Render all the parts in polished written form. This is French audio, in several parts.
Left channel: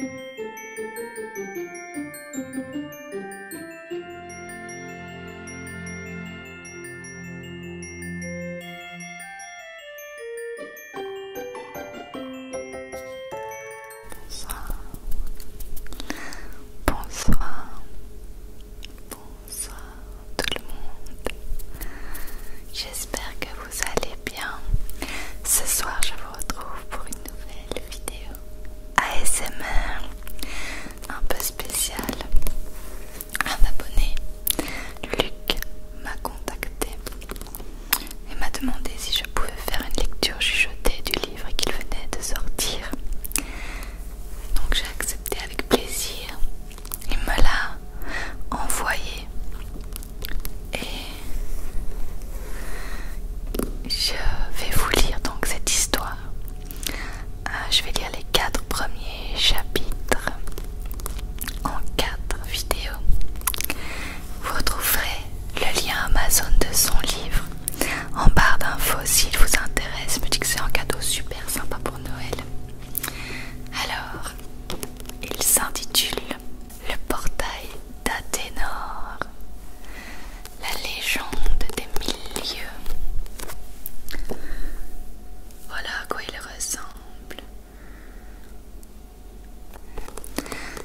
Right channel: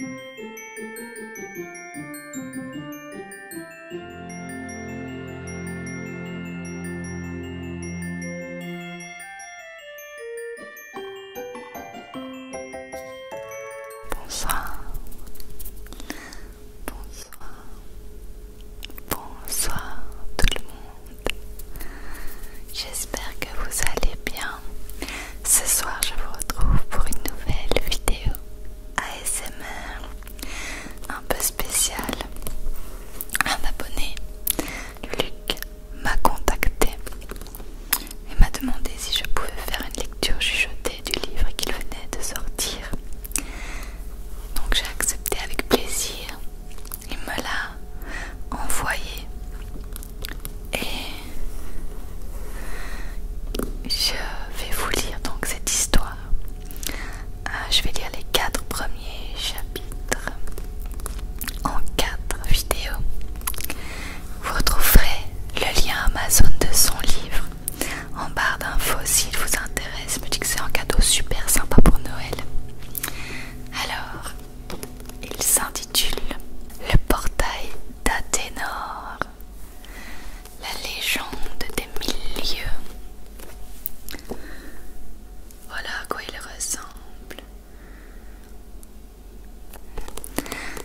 Bonsoir, bonsoir, bonsoir tout le monde. J'espère que vous allez bien. Ce soir, je vous retrouve pour une nouvelle vidéo ASMR un peu spéciale. Un abonné, Luc, m'a contacté et m'a demandé si je pouvais faire une lecture chuchotée du livre qu'il venait de sortir. Donc j'ai accepté avec plaisir. Il me l'a envoyé et je vais vous lire donc cette histoire. Je vais lire les 4 premiers chapitres en 4 vidéos. Vous retrouverez le lien Amazon de son livre en barre d'infos s'il vous intéresse. Je me dis que c'est un cadeau super sympa pour Noël. Alors, il s'intitule Le portail d'Athénor, la légende des 1000 lieues. Voilà à quoi il ressemble.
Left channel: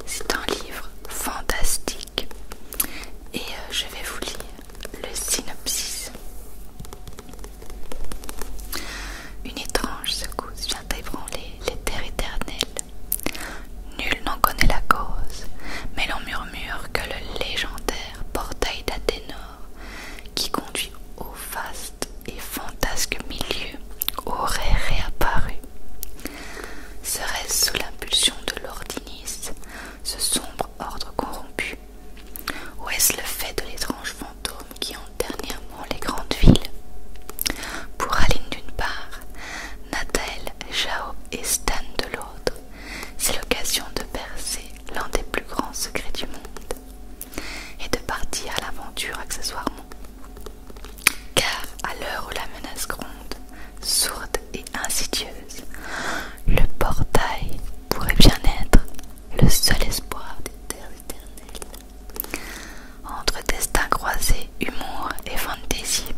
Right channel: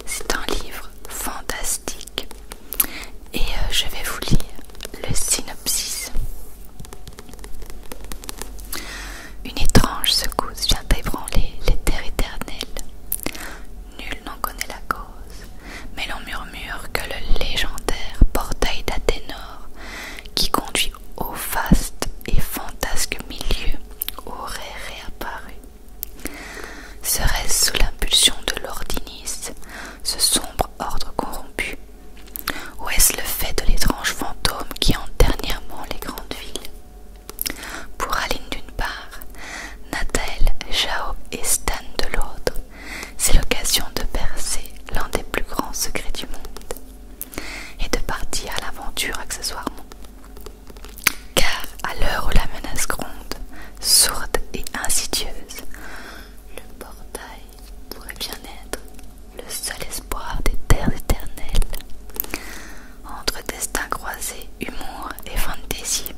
C'est un livre fantastique et je vais vous lire le synopsis. Une étrange secousse vient ébranler les terres éternelles. Nul n'en connaît la cause, mais l'on murmure que le légendaire portail d'Athénor, qui conduit au vaste et fantasque milieu, aurait réapparu. Serait-ce sous l'impulsion de l'Ordinis, ce sombre ordre corrompu, ou est-ce le fait de l'étrange fantôme qui hante dernièrement les grandes villes? Pour Aline d'une part, Nathael, Jao et Stan de l'autre, c'est l'occasion de percer l'un des plus grands secrets du monde et de partir à l'aventure accessoirement. Car à l'heure où la menace gronde, sourde et insidieuse, le portail pourrait bien être le seul espoir des terres éternelles. Entre destin croisé, humour et fantaisie,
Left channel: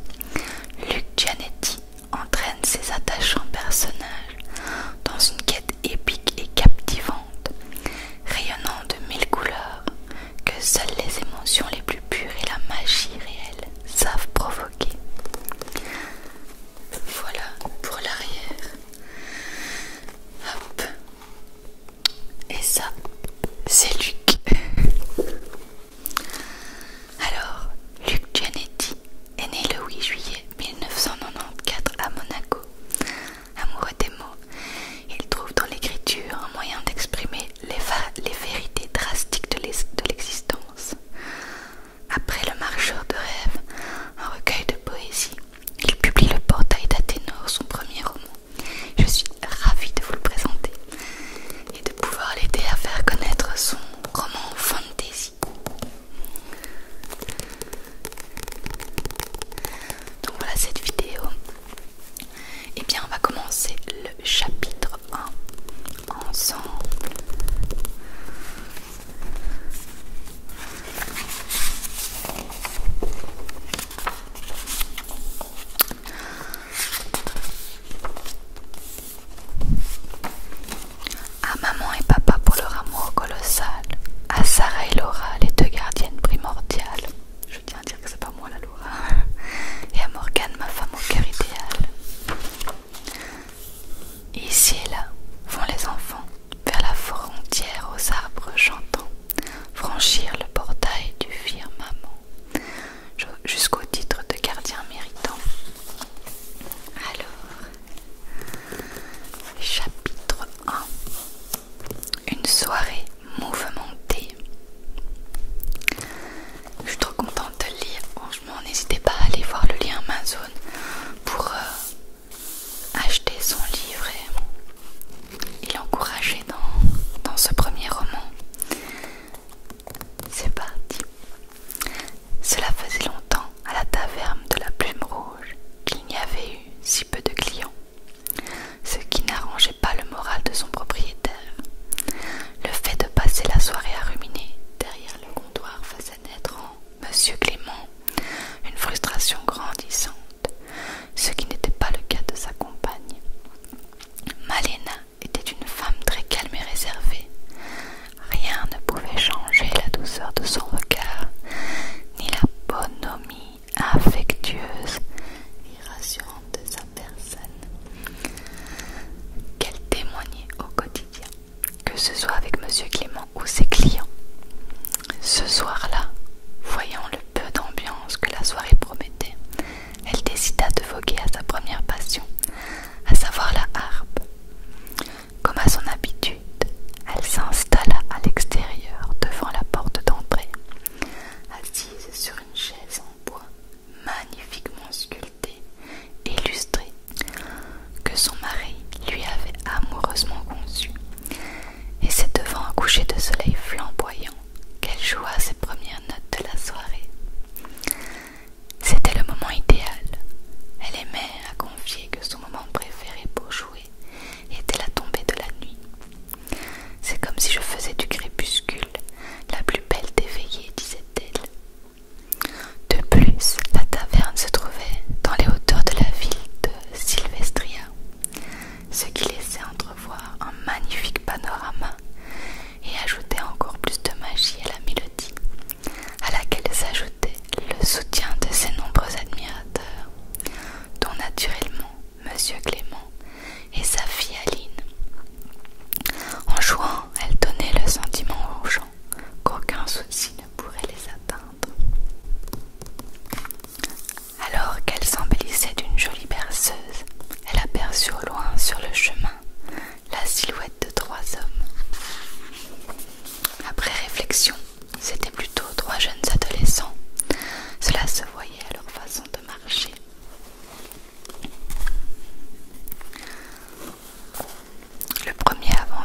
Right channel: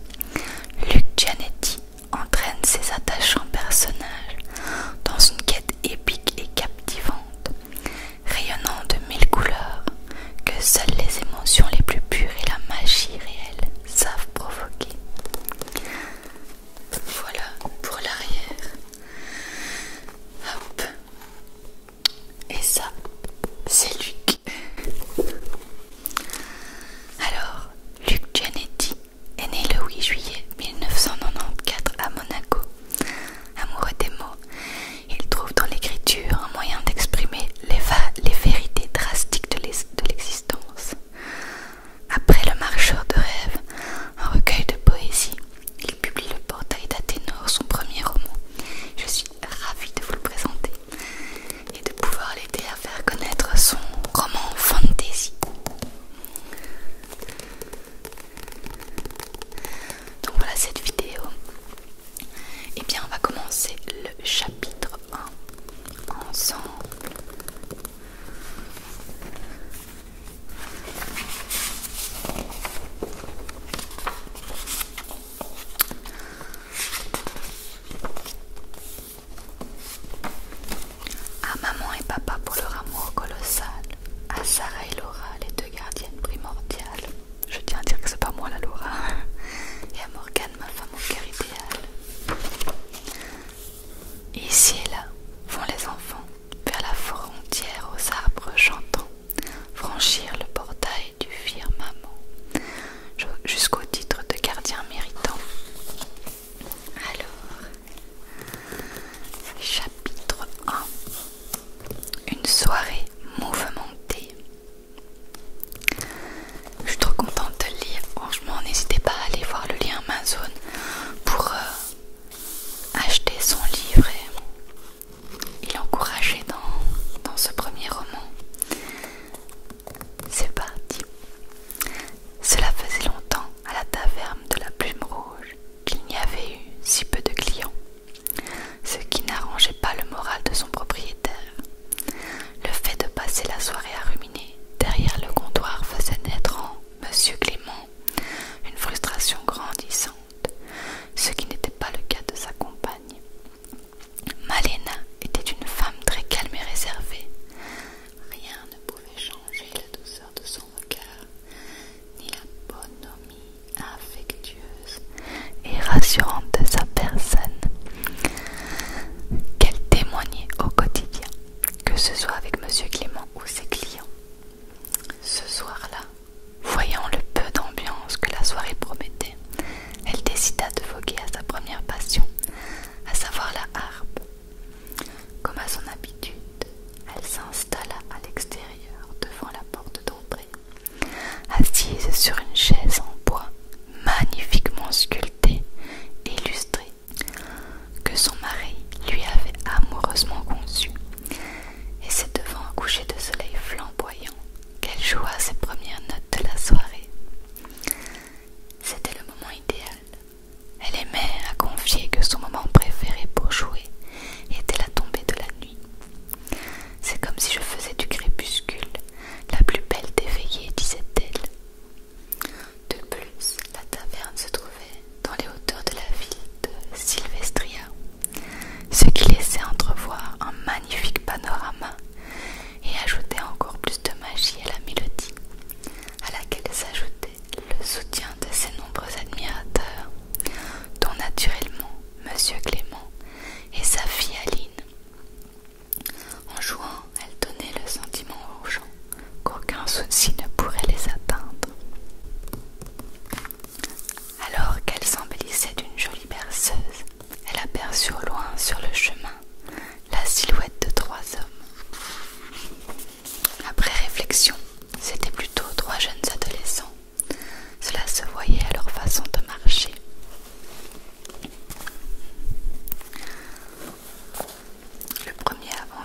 Luc Gianetti entraîne ses attachants personnages dans une quête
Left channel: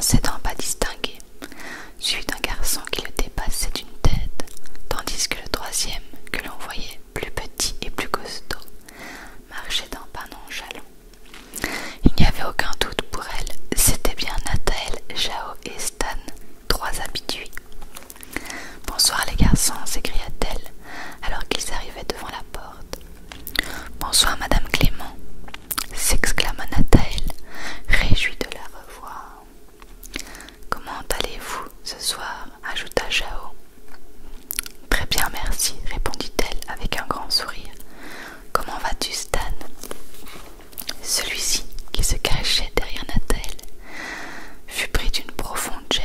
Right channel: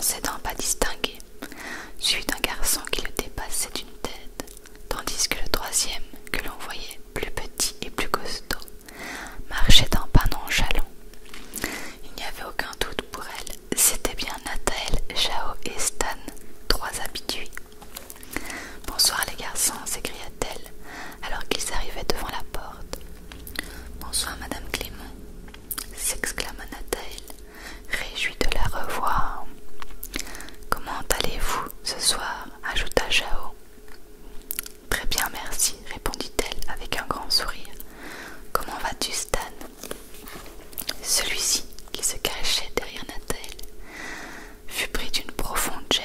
commençait d'un pas distingué, suivi d'un garçon qui le dépassait d'une tête, tandis que le troisième, que l'on voyait plus petit et plus costaud, marchait d'un pas nonchalant. Il n'y avait aucun doute pour elle, c'était bien Nathaël, Jao et Stan, trois habitués. « Bonsoir les garçons » s'écria-t-elle, alors qu'ils arrivaient devant la porte. « Bonsoir Madame Clément » s'exclama Nathaël, réjoui de la revoir. « Comment allez-vous ce soir » ajouta Jao. « Très bien, merci » répondit-elle avec un grand sourire. « Comment vas-tu, Stan ?» Celui-ci, qui se cachait derrière Nathaël, fut pris d'une profonde gêne.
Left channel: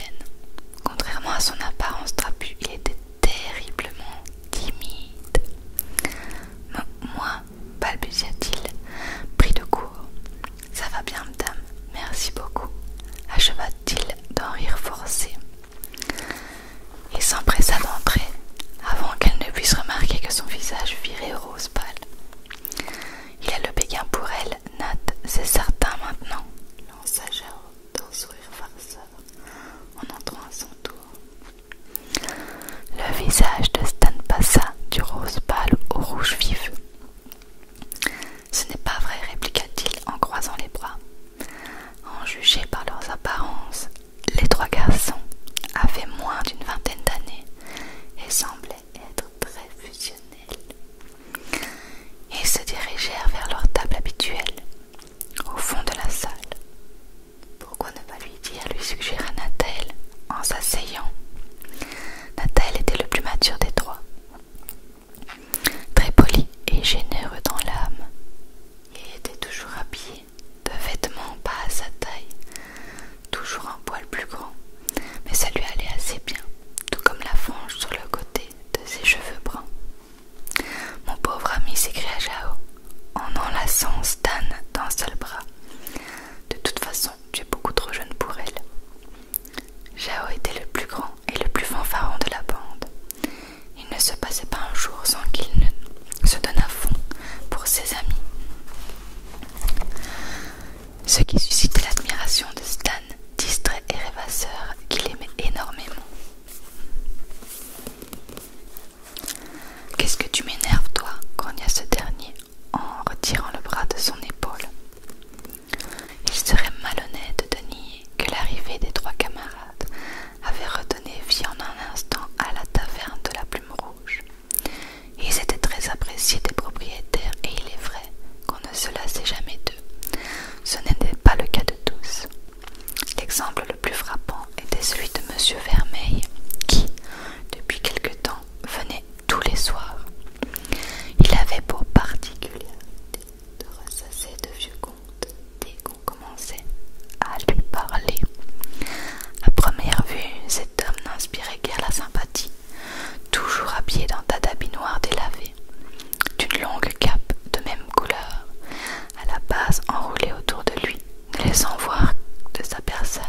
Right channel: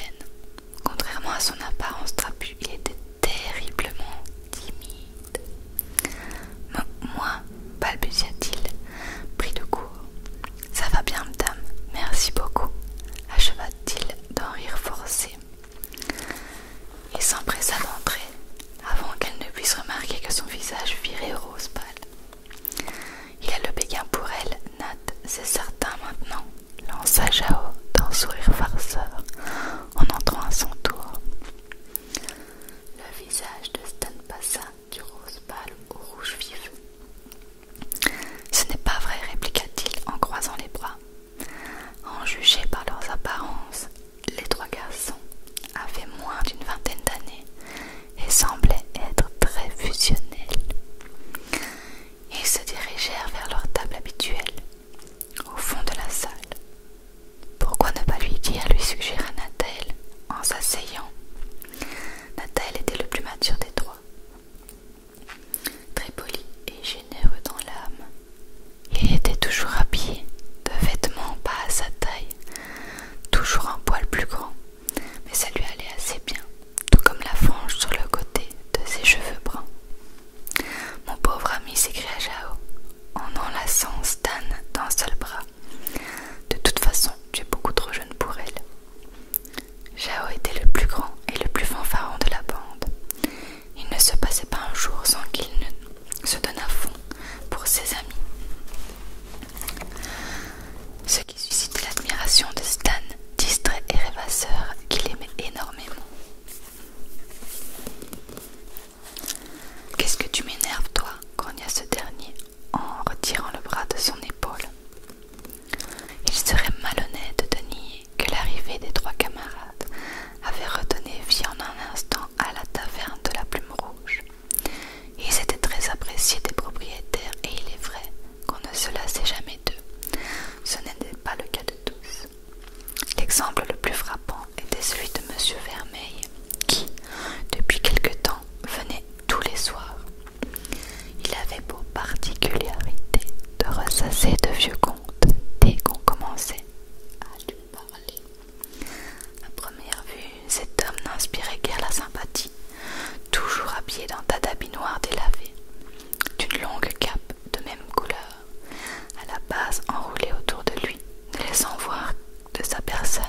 Contrairement à son apparence trapue, il était terriblement timide. « Moi » balbutia-t-il, pris de court. « Ça va bien, madame, merci beaucoup » acheva-t-il d'un rire forcé. Il s'empressa d'entrer avant qu'elle ne puisse remarquer que son visage virait rose pâle. « Il a le béguin pour elle, Nat, c'est certain maintenant » lança Jao d'un sourire farceur en entrant à son tour. Le visage de Stan passa du rose pâle au rouge vif. « Ce n'est pas vrai » répliqua-t-il en croisant les bras. En juger par leurs apparences, les trois garçons avaient moins d'une vingtaine d'années et semblaient être très fusionnels. Ils se dirigèrent vers leur table habituelle, au fond de la salle. « Pourquoi ne pas lui dire » lui suggéra Nathaël en s'asseyant. Nathaël était le plus mature des trois. Très poli et généreux dans l'âme, il était toujours habillé de vêtements pas à sa taille, toujours un poil plus grand, mais ça lui allait assez bien, tout comme la frange sur le côté de ses cheveux bruns. « Mon pauvre ami » s'écria Jao, en enlaçant Stan d'un seul bras. « De toute façon, tu es beaucoup trop jeune pour elle. » Jao était le plus grand et le plus fanfaron de la bande. Il ne se passait pas un jour sans qu'il ne se donne à fond pour ses amis. Ce qui suscitait l'admiration de Stan, distrait et rêvasseur, qu'il aimait énormément. « Qu'est-ce que tu m'énerves, toi » grogna ce dernier en retirant le bras de son épaule. Il serait malhonnête de nier que l'arrivée des trois camarades avait redonné vie en un instant à la taverne de la Plume Rouge. Ils étaient très appréciés des propriétaires et il est vrai qu'on ne se lassait jamais d'eux. Ce n'était pas le cas de tous. L'exemple le plus frappant était celui de Monsieur Vermeil, qui, depuis quelque temps, venait tous les soirs. Il avait pour particularité de ressasser de vieux contes dès qu'on commençait à lui parler. À première vue, cet homme n'inspirait guère la sympathie, toujours habillé d'un tas d'habits noirs délavés, d'une longue cape de même couleur, à la base enroulée autour de lui, ne laissant voir de sa personne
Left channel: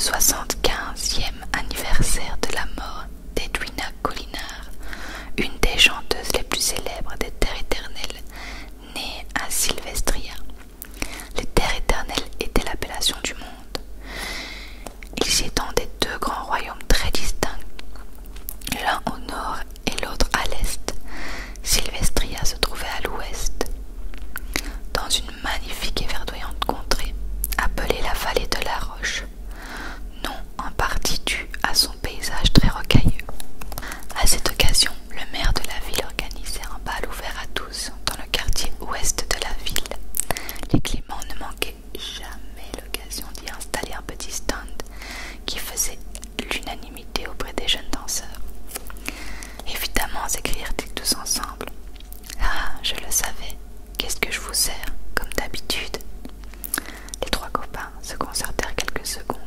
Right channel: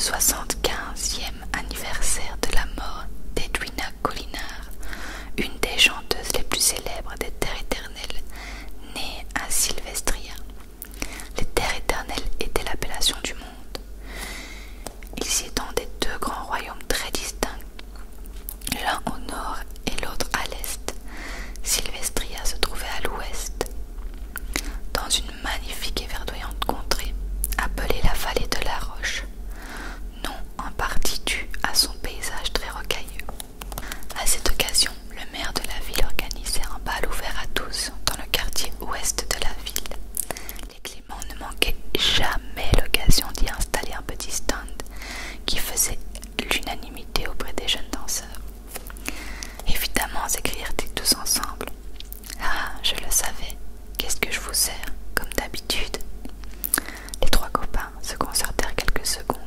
75e anniversaire de la mort d'Edwina Collinard, une des chanteuses les plus célèbres des Terres éternelles, née à Sylvestria. Les Terres éternelles étaient l'appellation du monde. Ils y étendaient deux grands royaumes très distincts, l'un au nord et l'autre à l'est. Sylvestria se trouvait à l'ouest, dans une magnifique et verdoyante contrée, appelée la vallée de la Roche, nom en partie dû à son paysage très rocailleux. À cette occasion, le maire de la ville organisait un bal ouvert à tous dans le quartier ouest de la ville. Les Clément ne manquaient jamais l'occasion d'y installer un petit stand qui faisait l'unanimité auprès des jeunes danseurs. Évidemment, s'écrièrent-ils tous ensemble. Ah, je le savais. Qu'est-ce que je vous sers, comme d'habitude? Les trois copains se concertèrent quelques secondes.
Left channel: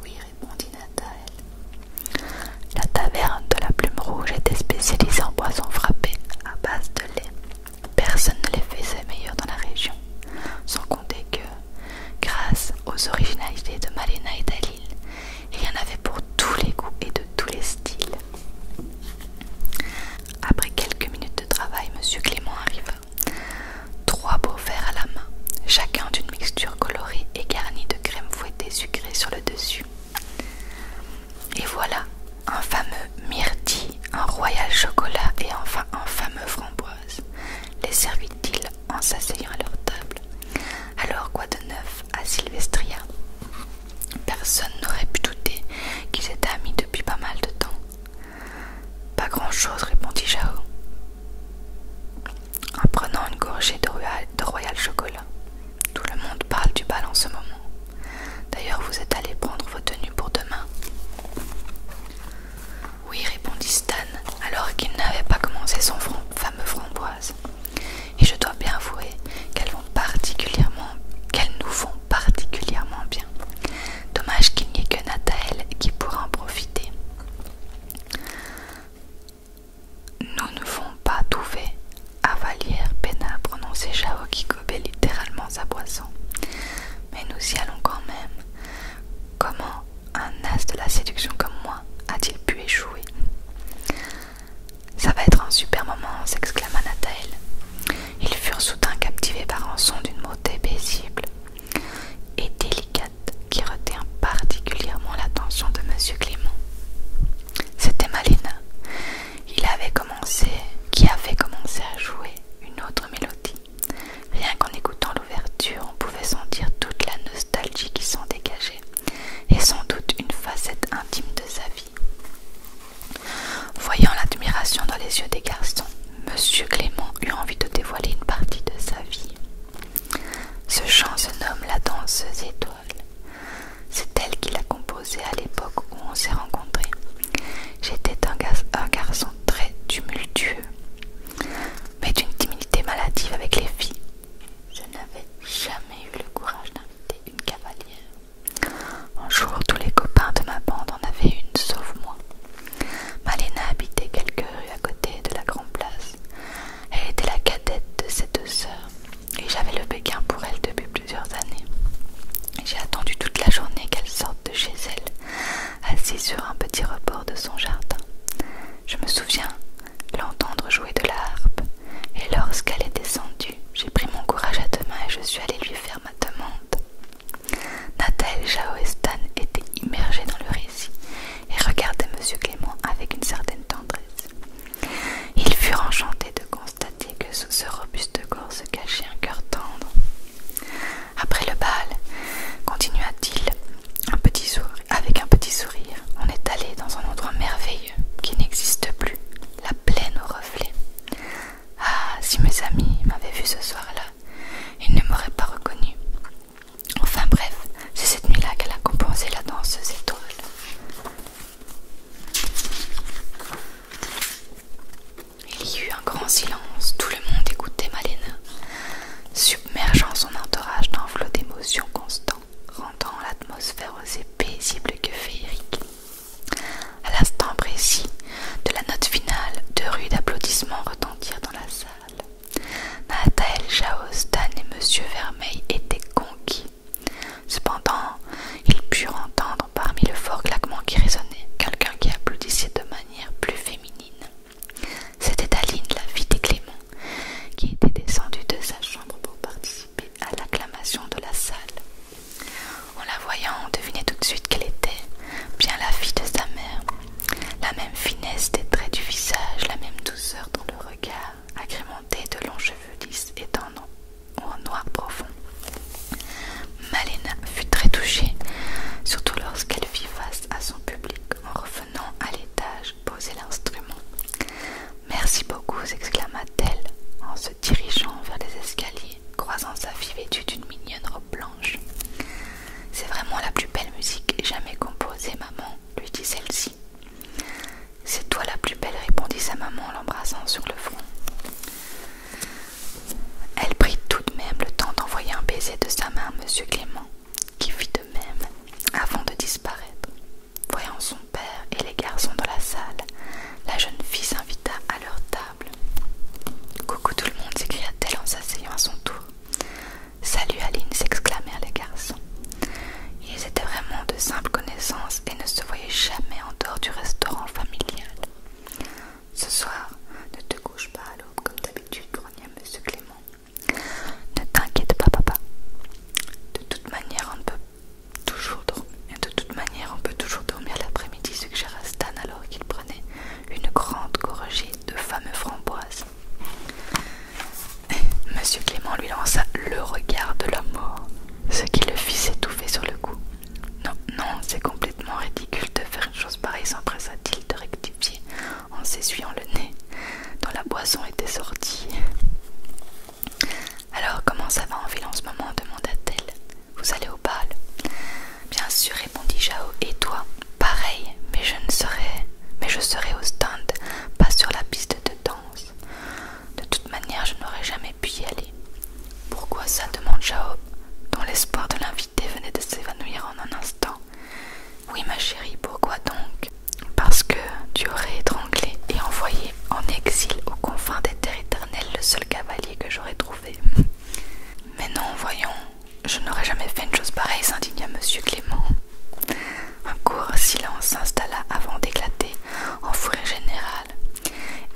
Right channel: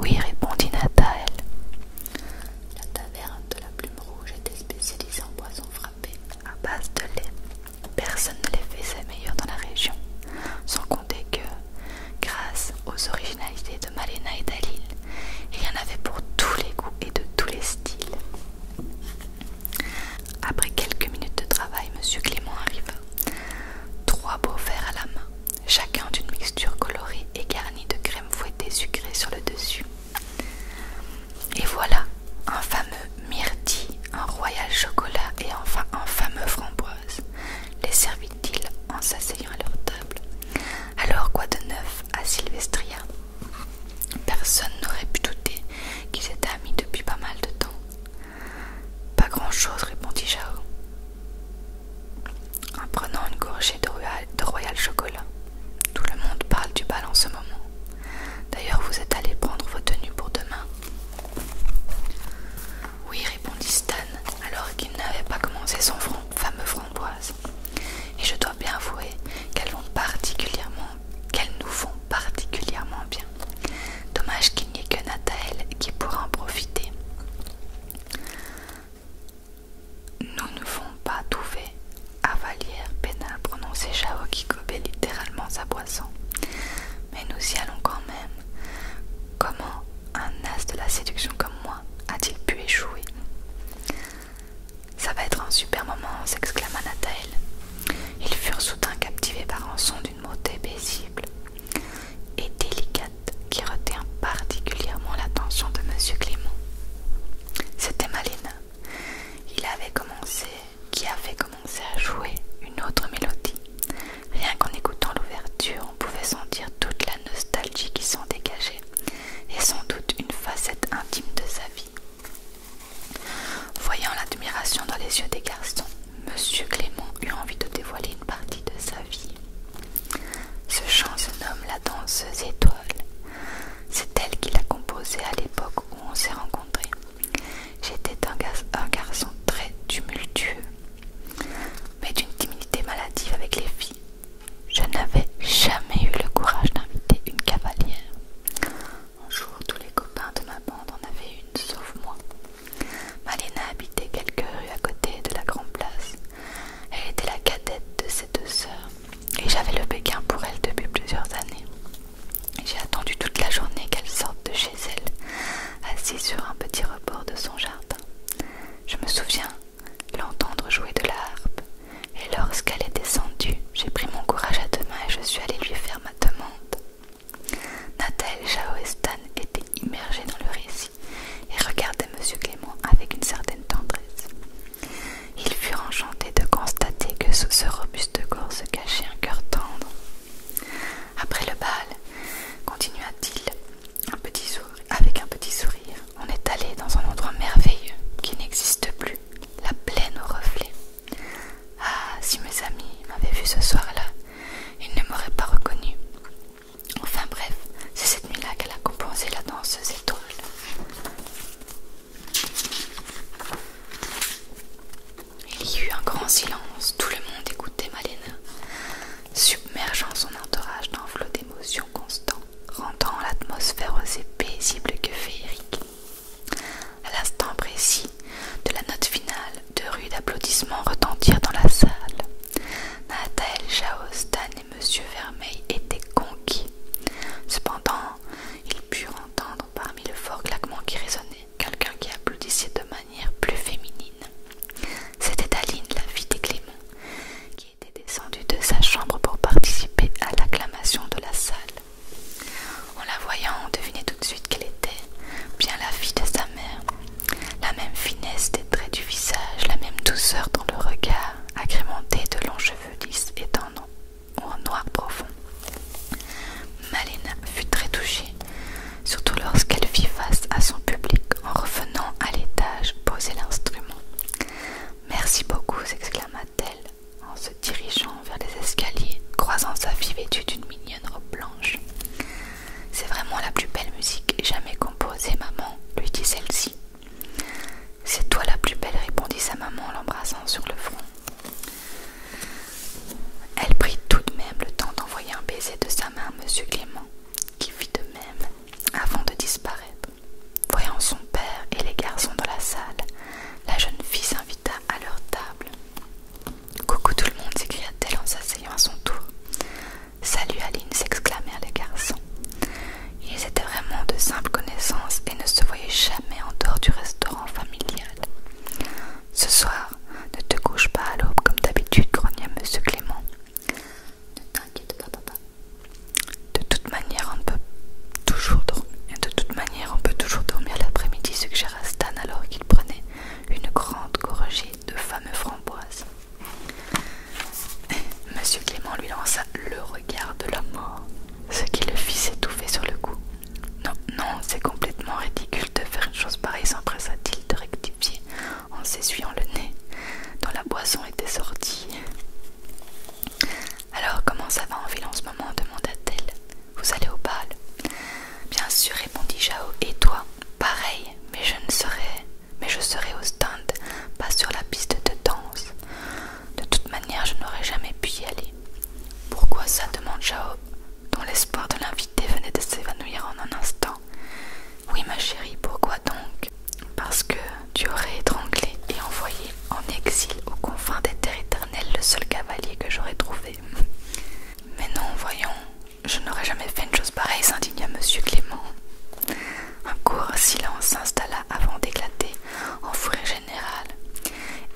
Oui, répondit Nathael. La taverne de la Plume Rouge était spécialisée en boissons frappées à base de lait. Personne ne les faisait meilleurs dans la région, sans compter que, grâce aux originalités de Malena et Dalil, il y en avait pour tous les goûts et de tous les styles. Après quelques minutes de travail, M. Clément arriva. 3 beaux verres à la main, chacun d'une mixture colorée et garnie de crème fouettée sucrée sur le dessus. Et voilà, un fameux myrtille, un royal chocolat et enfin un fameux framboise, les servit-il en s'asseyant à leur table. Alors quoi de neuf à Sylvestria? Personne n'aurait pu douter qu'ils étaient amis depuis pas mal de temps. Pas grand-chose, répondit Jao, en prenant une gorgée de royal chocolat. Tout le monde parle du bal en ce moment. D'ailleurs, vous êtes allés prendre vos tenues pour demain? Oui, répondit Stan, alors qu'il n'avait pas commencé son fameux framboise. Et je dois bien avouer qu'elles nous vont particulièrement bien. Dommage qu'il n'y ait que Nathael qui pourra en profiter. Nous ne vont pas trouver à Valière Pénat, prononçait Jao qui gobait littéralement sa boisson. Mais nous y allons quand même. Comment un as de la séduction comme moi a-t-il pu échouer? Ça va être un super moment, s'exclama Nathael. Ils furent soudain captivés par un son d'une beauté paisible et délicate qui retint particulièrement l'attention de M. Clément. C'était Malena. Qui avait commencé à jouer une autre mélodie. Rien qu'en écoutant l'ouverture, on pouvait sentir toute la nostalgie qui s'en dégageait, et sans doute une facette intime de sa vie. Voyant l'admiration dans les yeux des garçons, M. Clément eut envie de dévoiler une partie de sa vie. Ce chant se nomme La danseuse étoile. C'est elle qui l'a composé à l'époque où on s'est rencontrés. J'étais un garçon très tumultueux, mais d'une timidité maladive avec les filles. Je n'avais jamais eu le courage d'inviter une cavalière. Un jour, tous les copains de ma bande en avaient une, sauf moi. Malena habitait quelques rues à côté de la Grande Place. Elle était la cadette de ses 2 sœurs, et j'avais le béguin pour elle depuis plusieurs années. J'ai attendu toute la journée qu'elle sorte de chez elle, assise sur un petit rebord de son jardin. Je me souviens l'entendre jouer de la harpe, et lorsqu'elle est descendue, j'ai pris mon courage à 2 mains et je suis allée lui faire ma demande. Nathael, Jao et Stan étaient immergés dans le récit et regardaient M. Clément avec une certaine tendresse. Ils furent enchantés de constater que sous ce robuste corps se cachait un cœur tendre. Après le bal, continua-t-il avec un petit sourire, on est allé dans un endroit merveilleux qui n'existe plus, la plaine aux reflets. Ah, si mes amis m'avaient vu ce soir-là, ils ne m'auraient pas reconnu. Enfin bref, c'est cette nuit-là qu'elle a composé La danseuse étoile. Il y eut un grand silence, tout le monde écoutait Malena, submergeant son entourage d'un flot d'émotions constant, rendant l'atmosphère aussi paisible que féerique. À l'instant précis de la note finale, 2 rues d'applaudissements retentirent dans la salle. Nathael, Jao, Stan et M. Vermeil étaient conquis. Cependant, ils purent entendre c'est complètement ridicule de faire une chose pareille, s'empressa-t-il de rectifier en s'essuyant le nez, dont la boisson était sortie. Alors, comment ça va en ville en ce moment demanda-t-elle. Vous allez au bal? Bien sûr, répondit Jao. Et toi? Pareil, mais je serai au stand, pas sur la piste de danse. De toute manière, je n'aurais jamais pu y aller. Pourquoi ça? demande Jao, dont l'espoir de l'inviter venait de s'évanouir en un instant. Oui, ma chérie, pourquoi donc? Parce que tu aurais étranglé et envoyé en exil aux confins des terres éternelles le seul cavalier que j'aurais trouvé. Mais non, voyons, je n'aurais jamais fait une chose pareille, s'indigna monsieur Clément. Un court silence s'installa avant d'éclater en fou rire général.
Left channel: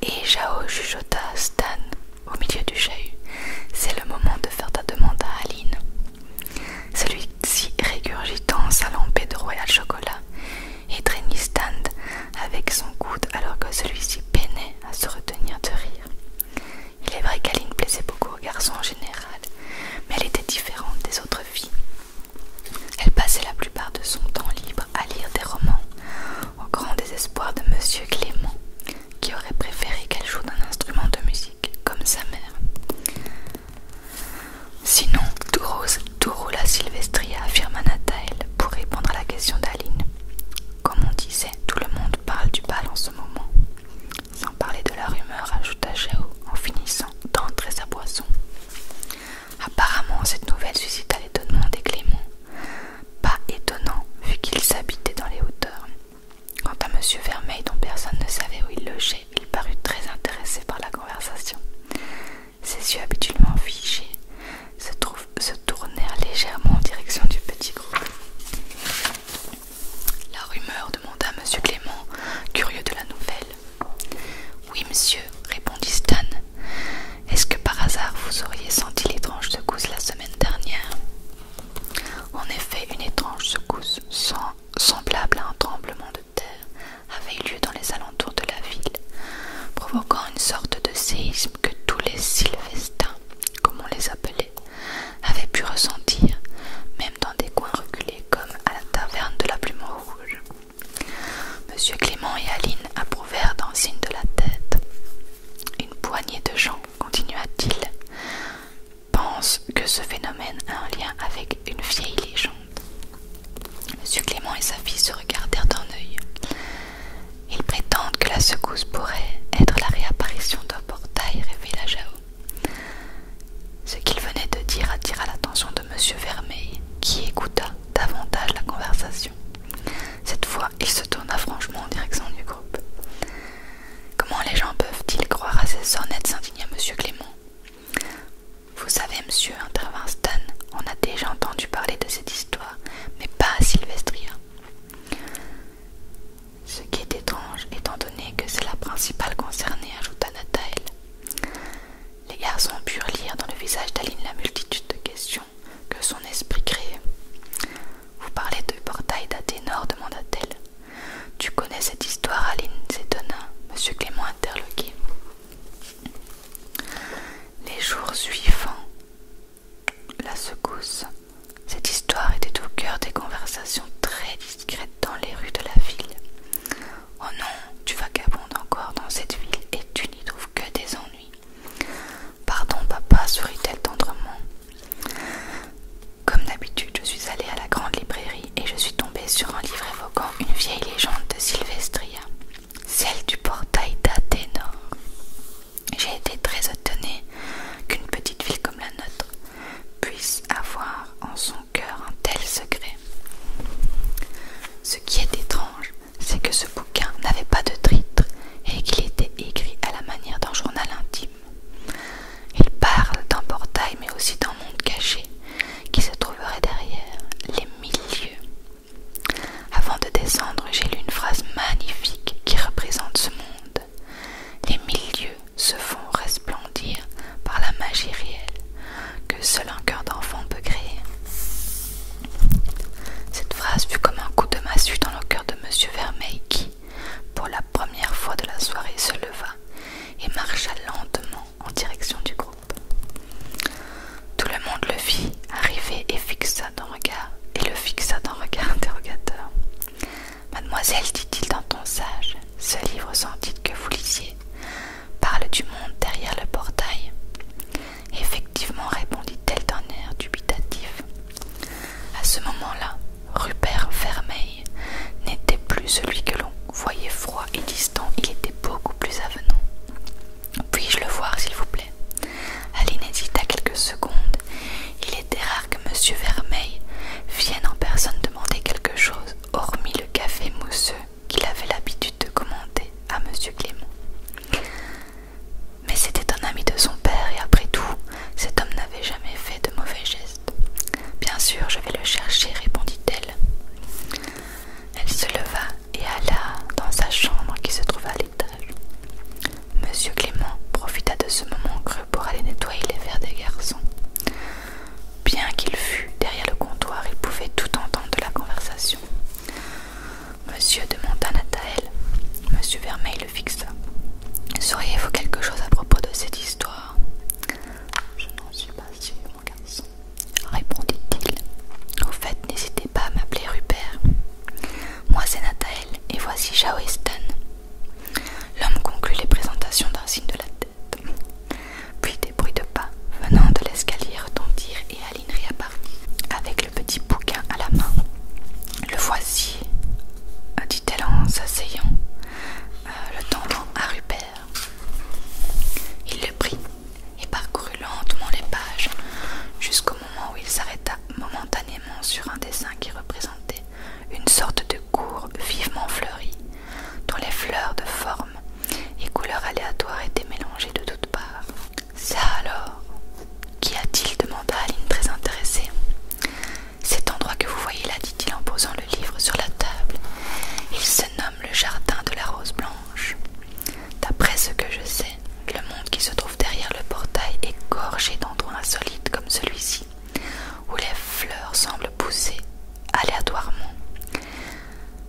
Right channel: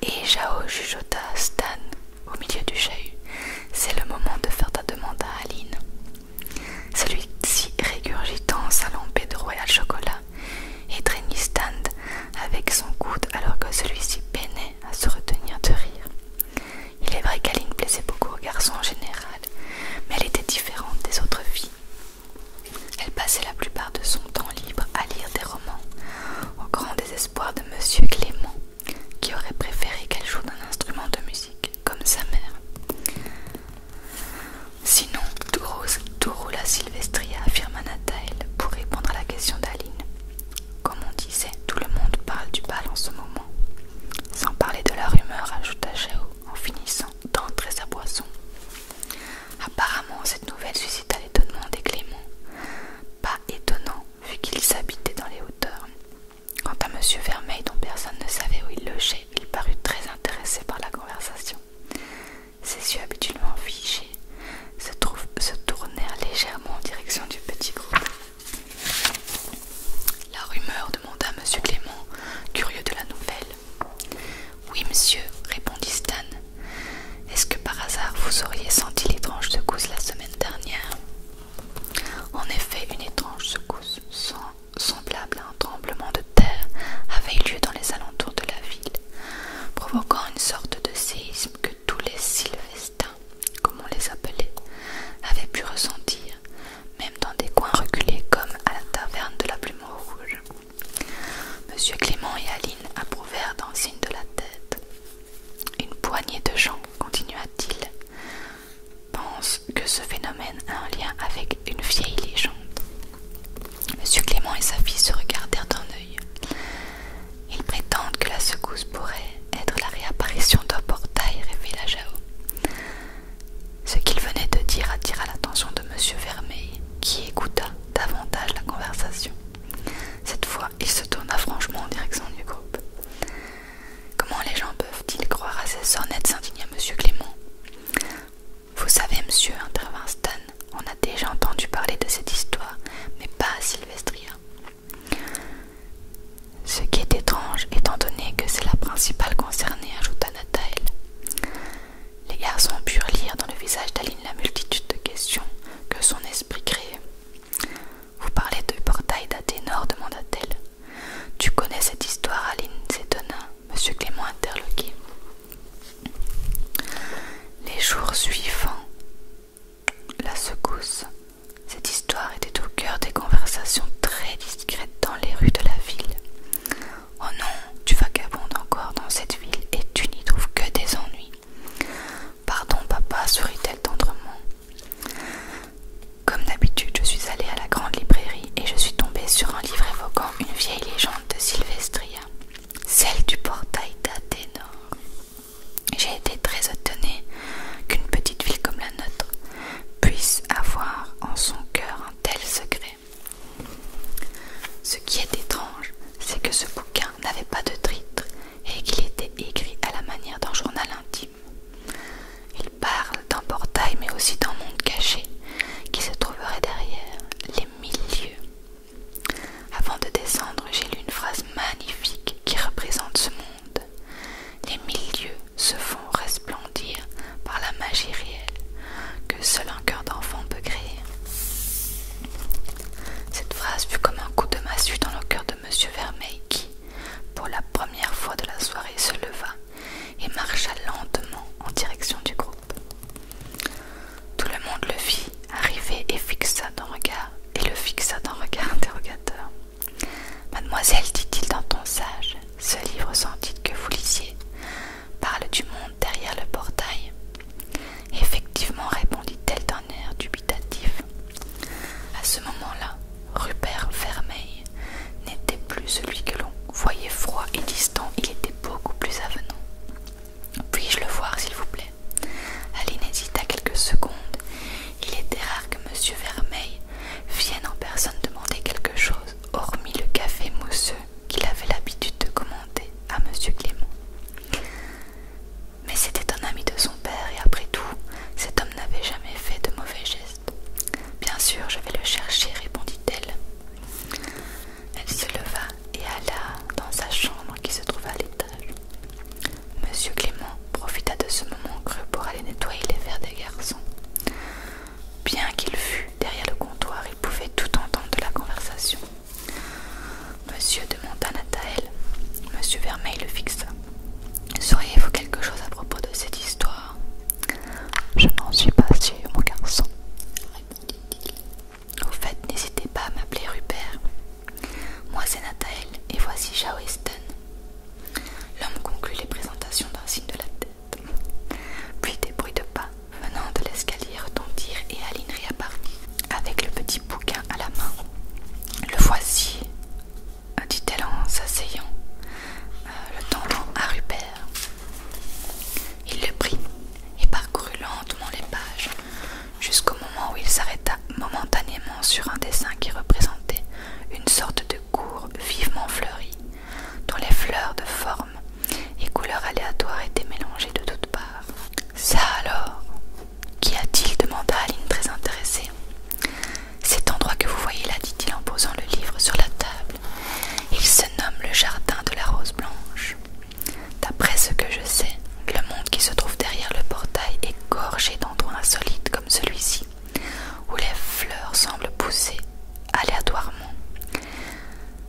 Et Jao chuchota à Stan au milieu du chahut. C'est le moment de faire ta demande à Aline. Celui-ci régurgitant sa lampée de Royal Chocolat et traînit Stan avec son coude alors que celui-ci peinait à se retenir de rire. Il est vrai qu'Aline plaisait beaucoup aux garçons en général, mais elle était différente des autres filles. Elle passait la plupart de son temps libre à lire des romans, au grand désespoir de monsieur Clément, qui aurait préféré qu'elle joue d'un instrument de musique, comme sa mère. Sinon, tout roule à Sylvestria, affirma Nathaël, pour répondre à la question d'Aline. Comme on disait, tout le monde parle du bal en ce moment. Sans parler de la rumeur, ajouta Jao, en finissant d'entrer sa boisson. Apparemment, cette nouvelle suscita l'étonnement des Clément. Pas étonnant, vu qu'ils habitaient dans les hauteurs. Quant à monsieur Vermeil, dont personne ne savait où il logeait, il parut très intéressé par la conversation. Ses yeux habituellement figés se tournèrent légèrement en direction du petit groupe. La rumeur demanda monsieur Clément, curieux de la nouvelle. Oui, monsieur, répondit Stan. Est-ce que par hasard vous auriez senti l'étrange secousse la semaine dernière? En effet, une étrange secousse semblable à un tremblement de terre avait eu lieu dans les alentours de la ville, provoquant une sorte de séisme que tous les sylvestins, comme on les appelait, avaient pu ressentir, même dans des coins reculés comme à la taverne de la Plume Rouge. Monsieur Clément et Aline approuvèrent d'un signe de la tête. Une poignée de gens, continua-t-il, pense que ce phénomène a un lien avec une vieille légende. Monsieur Clément et sa fille se regardèrent d'un œil. Ils prétendent que la secousse pourrait être la réapparition d'un portail, révéla Jao. Ce qu'il venait de dire attira l'attention de monsieur Vermeil, qui écouta davantage la conversation. Cette fois, il se tourna franchement en direction du groupe. Comment les gens peuvent-ils croire à ces sornettes, s'indigna monsieur Clément. Vous savez, monsieur, intervint Stan, on a déjà entendu parler de cette histoire, mais pas à Sylvestria. Ce qui est étrange, étant donné que c'est la principale concernée, ajouta Nathaël. Les garçons purent lire dans le visage d'Aline la multitude de questions que son esprit créait. Vous parlez de portail d'Athénor, demanda-t-elle. Tu connais cette histoire, Aline, s'étonna monsieur Clément interloqué. Les jours suivants la secousse, cette histoire était au cœur des conversations très discrètes dans les rues de la ville. Oh non, tu vagabondes encore dans cette ville et tu n'y trouves que des ennuis. Pardon, papa, sourit-elle tendrement. Comme d'habitude, je suis allée à la grande librairie et je suis tombée sur un livre évoquant une vieille légende de Sylvestria, celle du portail d'Athénor. J'ai été très étonnée qu'une petite ville comme la nôtre puisse avoir en son cœur un tel secret. Ce qui est étrange, c'est que ce bouquin n'avait pas de titre et qu'il était écrit à la manière d'un journal intime. Il parle d'un portail mais aussi d'un monde caché qui se trouverait derrière les 1000 lieues. Avant de descendre, j'ai lu une phrase magnifique qui représente ce monde. Les 1000 lieues se font resplendir par la magie réelle que seul un cœur d'enfant peut créer. Cette phrase fut comme un coup de massue dans le celui que l'on voyait froid et distant, il était beaucoup plus avenant. Puis-je le voir, s'il vous plaît? Aline hésita quelques secondes. Il était rare que M. Vermeil vienne en personne demander quelque chose, hormis le café mousseux qu'il avait l'habitude de commander à M. Clément. Mais c'était un ami de son père et après tout, cet homme n'avait jamais fait de mauvais gestes. Bien sûr, je vais le chercher, répondit-elle. Elle se leva et alla dans sa chambre qui se trouvait à l'étage. M. Clément profita de ce moment creux pour aller nettoyer les verres des garçons. Bien qu'il fût derrière le comptoir, il pouvait tout entendre de la conversation. Monsieur demanda Nathanaël. M. Vermeil le fixa. Sauriez-vous quelque chose à propos de cette histoire? Je n'en suis pas sûr, mon garçon, répondit-il. Au fait, n'hésitez pas à m'appeler Rupert. Moi, c'est Nathanaël, et voici Jao et Stan. L'homme conclut les présentations d'un signe de la tête. Puis des bruits de pas venant de l'escalier retentirent et Aline réapparut, avec le petit bouquin à la main. Le voici, dit-elle en s'asseyant, le tendant à Rupert. Il le prit et parcourut lentement les pages, jusqu'au moment où il s'arrêta momentanément sur un dessin qui représentait une sorte de cour vivement fleurie, dont les fleurs de forme et couleurs aléatoires étaient mélangées de toutes parts. Ça alors, qu'y a-t-il? Demanda Aline très intéressée. Cet endroit que vous voyez là, dit-il en posant le livre sur la table, il se nomme le jardin de la rose blanche. D'après ce que je sais, le monde qui se trouve derrière le portail est gorgé d'endroits insolites comme celui-ci, où les fleurs semblent pousser aléatoirement.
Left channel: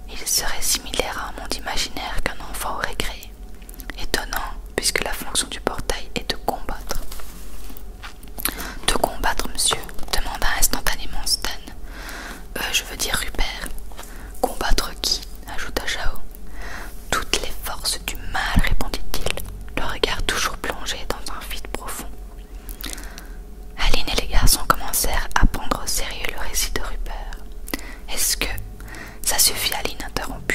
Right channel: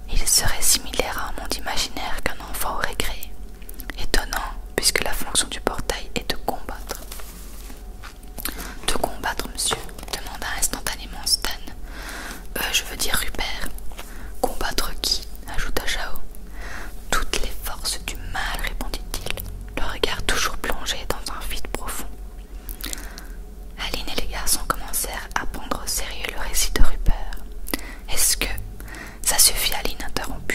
Il serait similaire à un monde imaginaire qu'un enfant aurait créé. Étonnant, puisque la fonction du portail est de combattre. De combattre, monsieur? Demanda instantanément Stan. Je veux dire Rupert. Combattre qui? Ajouta Jao. Toutes les forces du mal, répondit-il, le regard toujours plongé dans un vide profond. Aline et les garçons commencèrent à prendre au sérieux le récit de Rupert. Est-ce que... Ça suffit, Aline, interrompit